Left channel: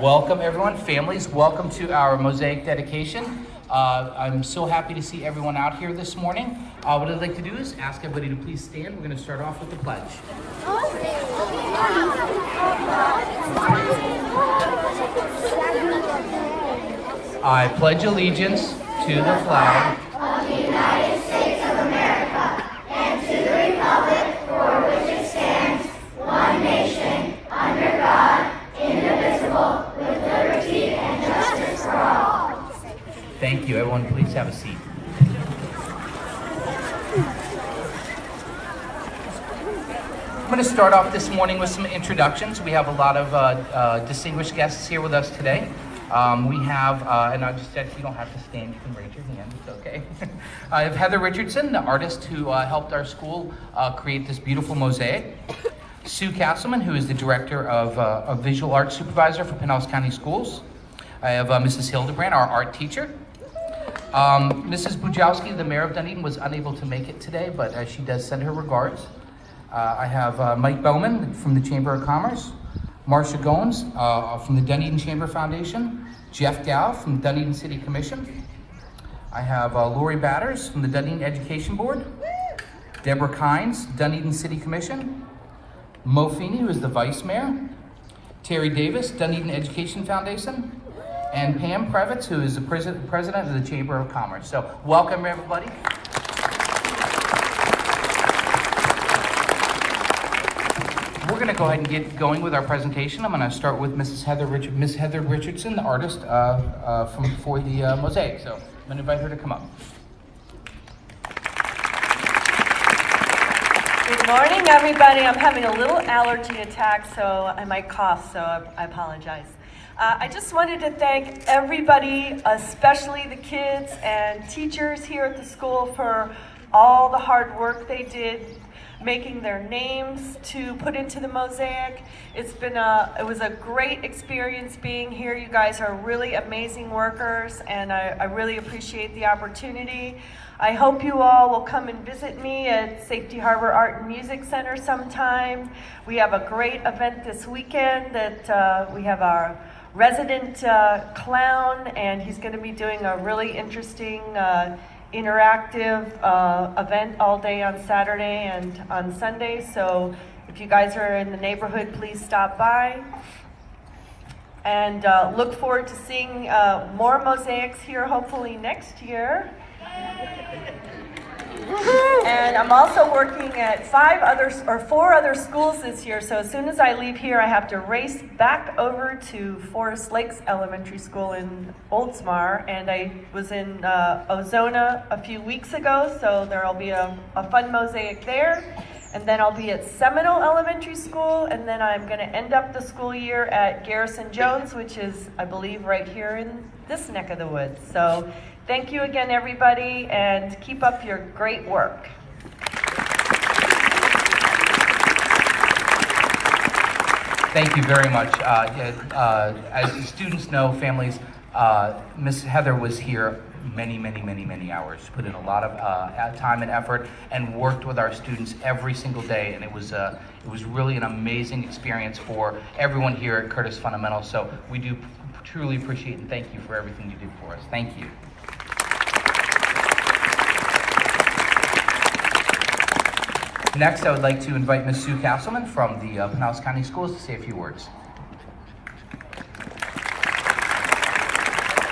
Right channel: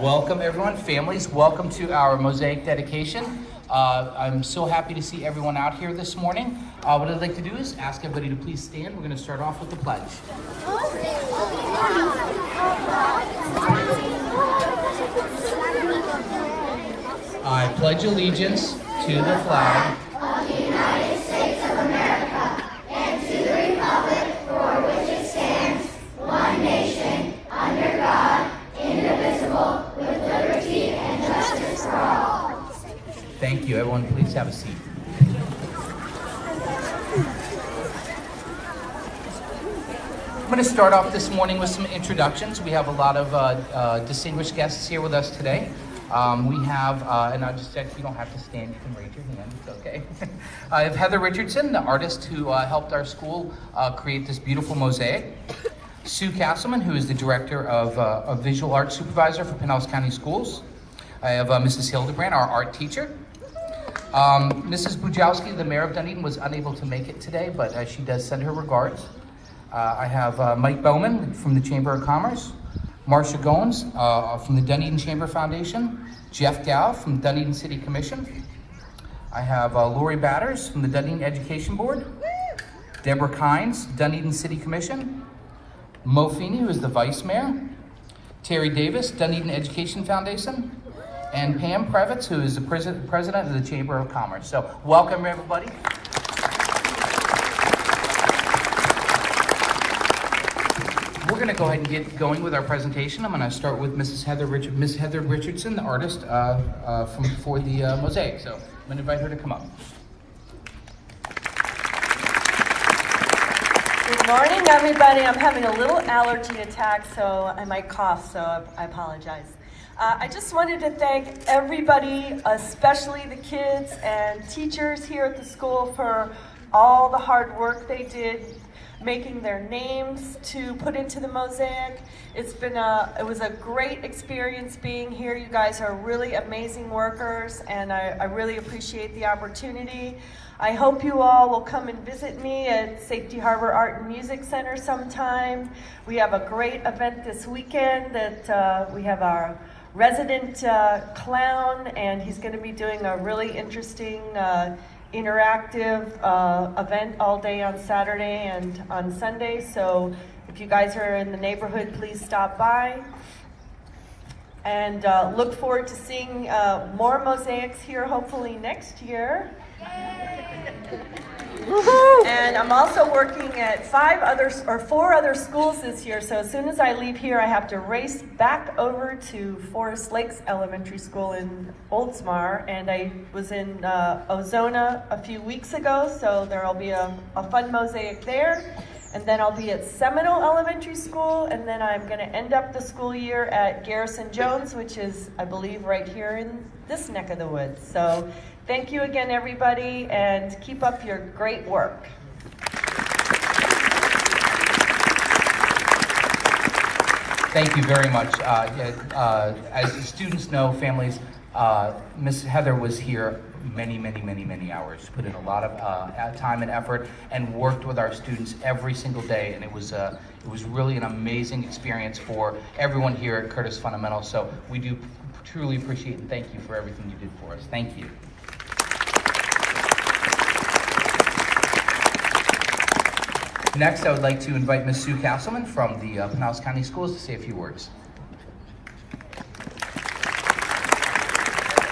Welcome everyone, families, welcome to our mosaic dedication. I'm so happy to see everyone out here this morning. What I'd like to do is ask everybody to please stand. We're going to start off with the pledge. I pledge allegiance to the flag of the United States of America and to the republic for which it stands, one nation, under God, indivisible, with liberty and justice for all. Thank you. Everyone, please have a seat. I'm going to start off this morning with some introductions. We have a lot of distinguished guests here with us today. We have, and I just said, you don't have to stand, you can raise your hand, it's okay. I have Heather Richardson, the artist who helped our school create this beautiful mosaic. Sue Castleman, who is the director of Visual Arts Supervisor for Pinellas County Schools. I have Mrs. Hilbrand, our art teacher. Mrs. Bujowski, the mayor of Dunedin, was unable to make it today, but she does send her regards. I have Mike Bowman from the Chamber of Commerce. Marcia Goins from the Dunedin Chamber Foundation, Jeff Gow from the Dunedin City Commission. I have Lori Batters from the Dunedin Education Board, Deborah Kynes, Dunedin City Commission, Mo Feeney, who is the Vice Mayor, Terry Davis, Dunedin Education Foundation, and Pam Previtz, who is the President of the Chamber of Commerce. So welcome everybody. We're going to go ahead and get going with our presentation. I'm going to start with Miss Heather Richardson, the artist for the mosaic. So I'm going to invite her to come up. Good morning, everybody. I'm having a little allergy attack, so I might cough, so I apologize. I just wanted to thank everybody, especially the kids and teachers here at the school, for all the hard work they did making their names to put into the mosaic. It was a great experience being here. You guys are really amazing workers, and I really appreciate the opportunity. I hope you all will come and visit me at Safety Harbor Art and Music Center sometime. We have a great event this weekend that we have our resident clown, and he's going to be doing a really interesting interactive event all day on Saturday and on Sunday. So if you guys are in the neighborhood, please stop by. And look forward to seeing more mosaics here hopefully next year. And I'm also working at 4 other schools this year, so as soon as I leave here, I have to race back over to Forest Lakes Elementary School in Oldsmar, and I was in Ozona a few weeks ago, so there'll be a fun mosaic there. And then I'll be at Seminole Elementary School, and then I'm going to end up the school year at Garrison Jones, which is, I believe, right here in this neck of the woods. So thank you again, everybody, and keep up your great work. Thank you very much. As you students know, families, Miss Heather was here many hours, put in a lot of time and effort, and worked with our students every single day, and it was really an amazing experience for everyone here at Curtis Fundamental. So we do truly appreciate and thank you for everything you did for us. Thank you. Next, I would like to invite Ms. Sue Castleman from the Pinellas County Schools to say a few words.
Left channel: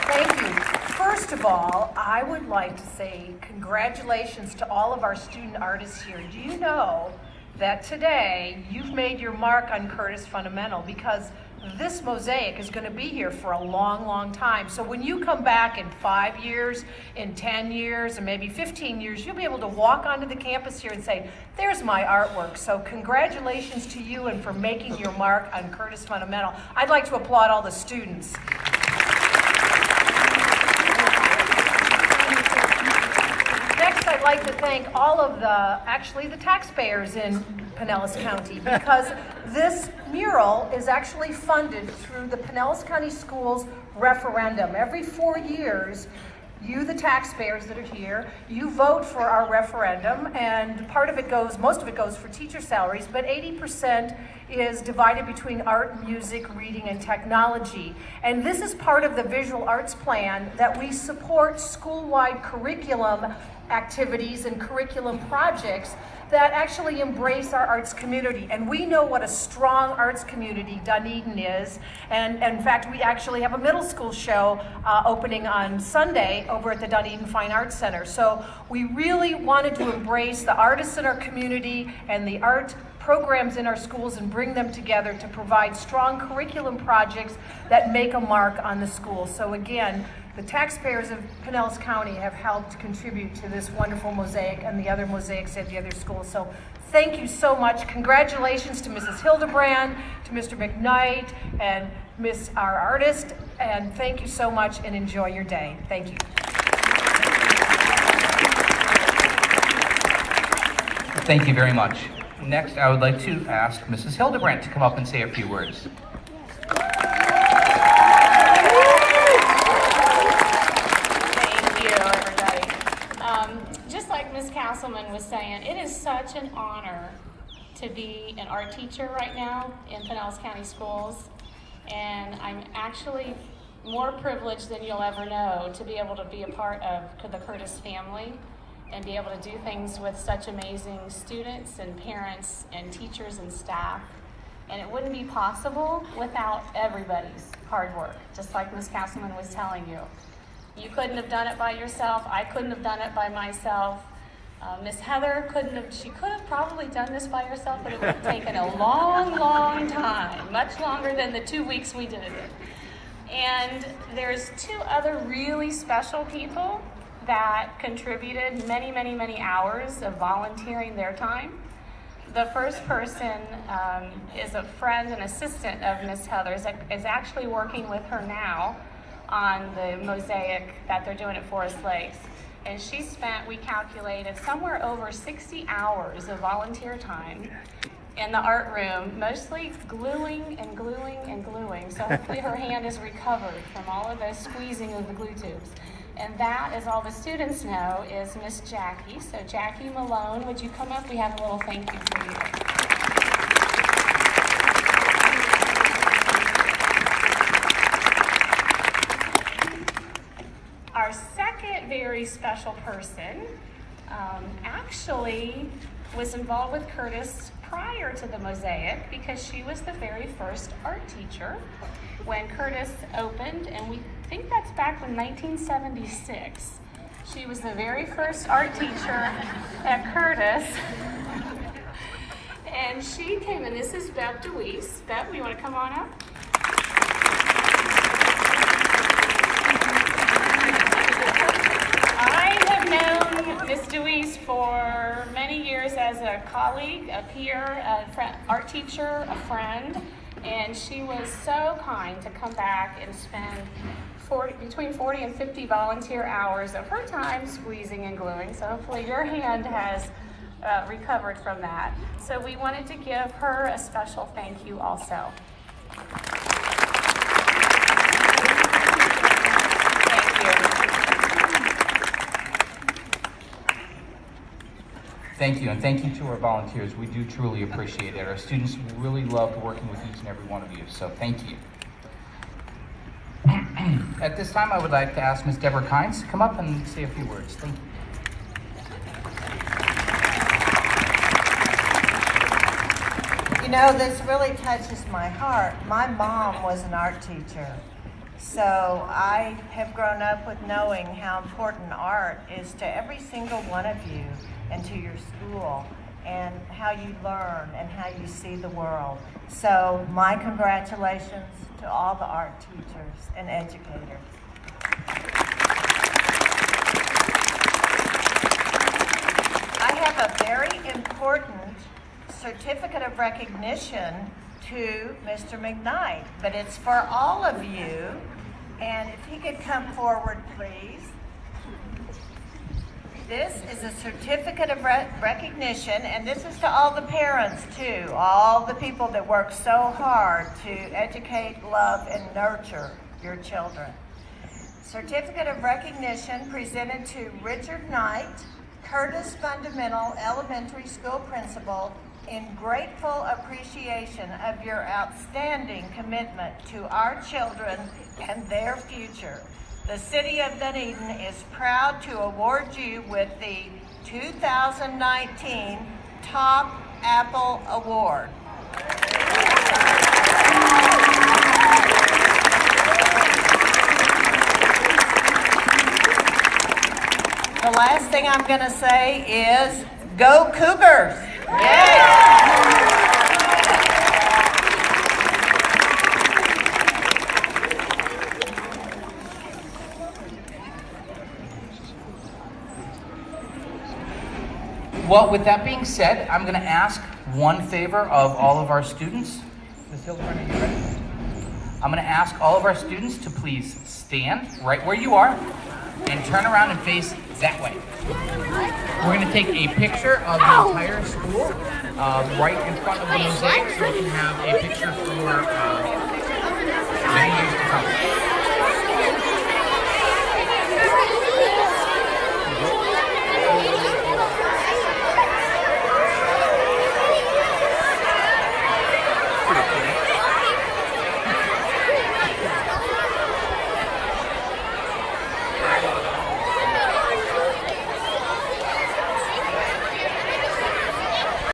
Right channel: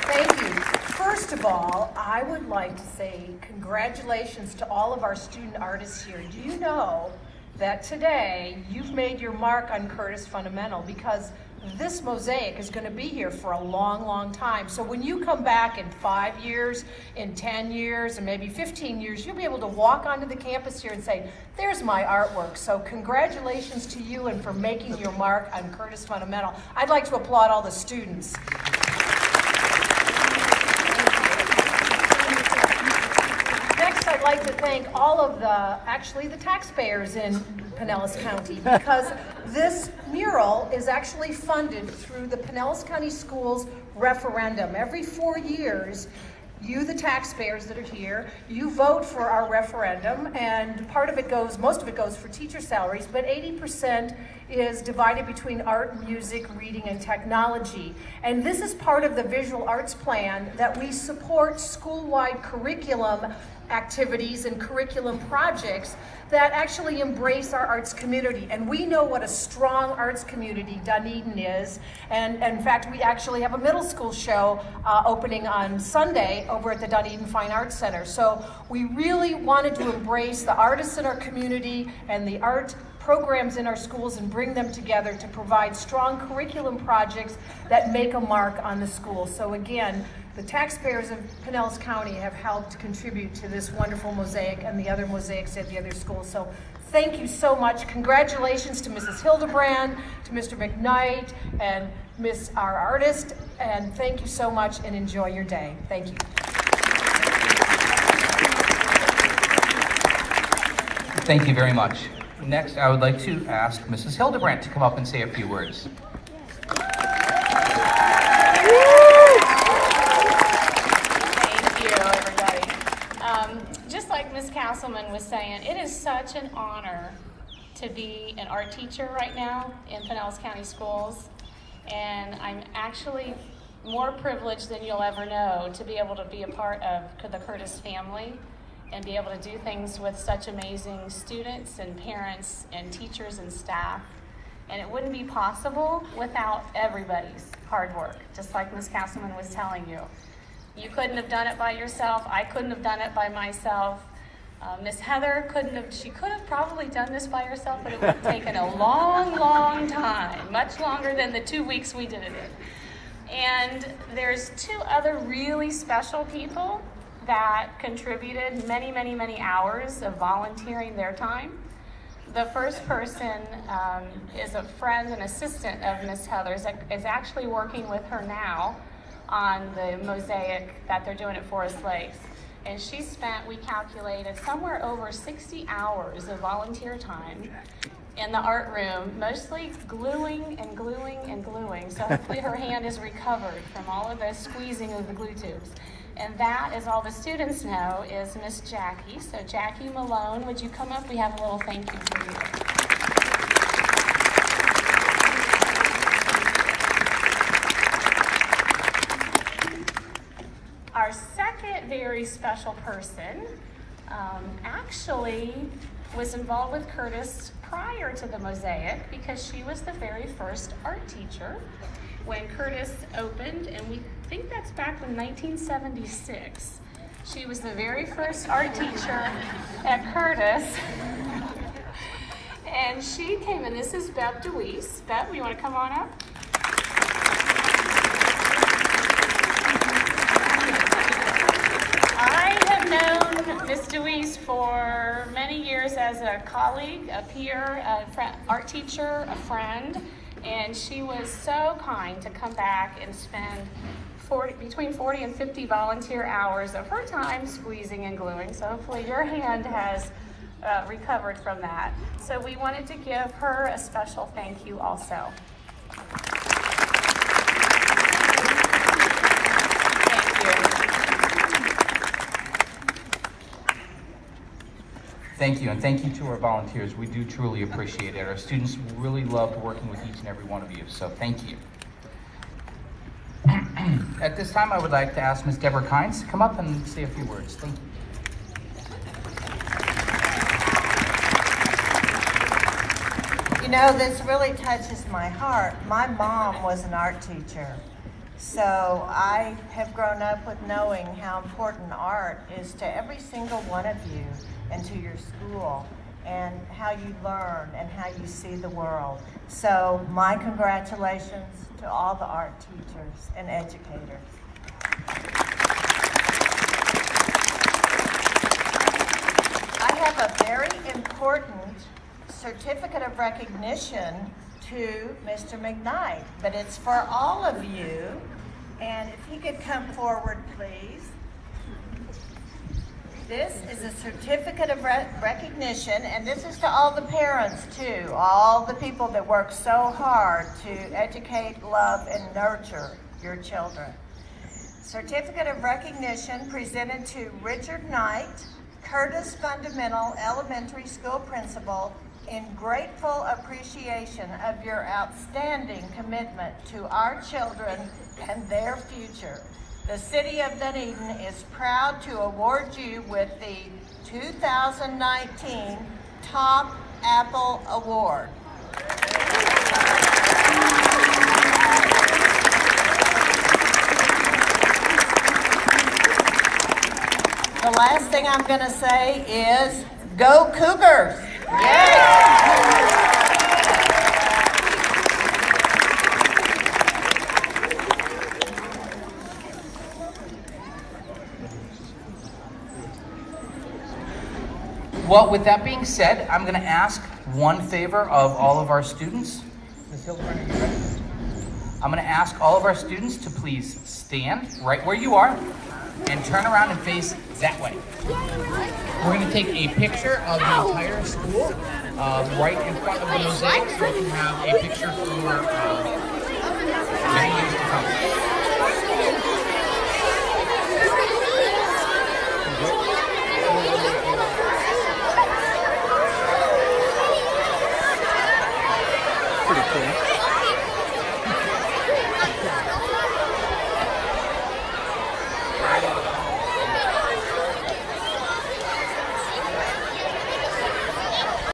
Thank you. First of all, I would like to say congratulations to all of our student artists here. Do you know that today you've made your mark on Curtis Fundamental, because this mosaic is going to be here for a long time. So when you come back in 5 years, in 10 years, and maybe 15 years, you'll be able to walk onto the campus here and say, there's my artwork. So congratulations to you and for making your mark on Curtis Fundamental. I'd like to applaud all the students. Next, I'd like to thank all of the taxpayers in Pinellas County, because this mural is actually funded through the Pinellas County Schools referendum. Every 4 years, you, the taxpayers that are here, you vote for our referendum, and most of it goes for teacher salaries, but 80% is divided between art, music, reading, and technology. And this is part of the visual arts plan that we support school-wide curriculum activities and curriculum projects that actually embrace our arts community. And we know what a strong arts community Dunedin is. And in fact, we actually have a middle school show opening on Sunday over at the Dunedin Fine Arts Center. So we really wanted to embrace the artists in our community and the art programs in our schools and bring them together to provide strong curriculum projects that make a mark on the school. So again, the taxpayers of Pinellas County have helped contribute to this wonderful mosaic and the other mosaics at the other schools. So thank you so much. Congratulations to Mrs. Hilbrand, to Mr. McKnight, and our artist, and thank you so much and enjoy your day. Thank you. Thank you very much. Next, I would like to ask Mrs. Hildebrand to come up and say a few words. Just like Ms. Castleman was saying, it is such an honor to be an art teacher right now in Pinellas County Schools, and I'm actually more privileged than you'll ever know to be able to be a part of the Curtis family and be able to do things with such amazing students and parents and teachers and staff. And it wouldn't be possible without everybody's hard work, just like Ms. Castleman was telling you. You couldn't have done it by yourself. I couldn't have done it by myself. Miss Heather she could have probably done this by herself, but it would have taken a long, long time, much longer than the 2 weeks we did it in. And there's two other really special people that contributed many, many, many hours of volunteering their time. The first person is a friend and assistant of Miss Heather's that is actually working with her now on the mosaic that they're doing at Forest Lakes. And she spent, we calculated, somewhere over 60 hours of volunteer time in the art room, mostly gluing and gluing and gluing. So hopefully her hand is recovered from all of the squeezing of the glue tubes. And that, as all the students know, is Miss Jackie. So Jackie Malone, would you come up? We have a little thank you for you. Our second very special person actually was involved with Curtis prior to the mosaic because she was the very first art teacher when Curtis opened, and we think that's back in 1976. She was the very first art teacher at Curtis. And she came in. This is Beth DeWeese. Beth, you want to come on up? I have known Miss DeWeese for many years as a colleague, a peer, art teacher, a friend, and she was so kind to come back and spend between 40 and 50 volunteer hours of her time squeezing and gluing. So hopefully your hand has recovered from that. So we wanted to give her a special thank you also. Thank you. Thank you, and thank you to our volunteers. We do truly appreciate it. Our students really loved working with each and every one of you, so thank you. At this time, I would like to ask Ms. Deborah Kynes to come up and say a few words. Thank you. You know, this really touches my heart. My mom was an art teacher, so I have grown up with knowing how important art is to every single one of you and to your school, and how you learn and how you see the world. So my congratulations to all the art teachers and educators. I have a very important certificate of recognition to Mr. McKnight, but it's for all of you. And if he could come forward, please. This is a certificate of recognition, and this is to all the parents too, all the people that work so hard to educate, love, and nurture your children. Certificate of recognition presented to Richard Knight, Curtis Fundamental Elementary School Principal, in grateful appreciation of your outstanding commitment to our children and their future. The City of Dunedin is proud to award you with the 2019 Top Apple Award. The last thing I'm going to say is, go Cougars! Yay! Well, with that being said, I'm going to ask one favor of all of our students. Ms. Hilbrand, are you ready? I'm going to ask all of our students to please stand right where you are and turn around and face that way. We're going to take a picture of the entire school right in front of the mosaic, so we can have a picture for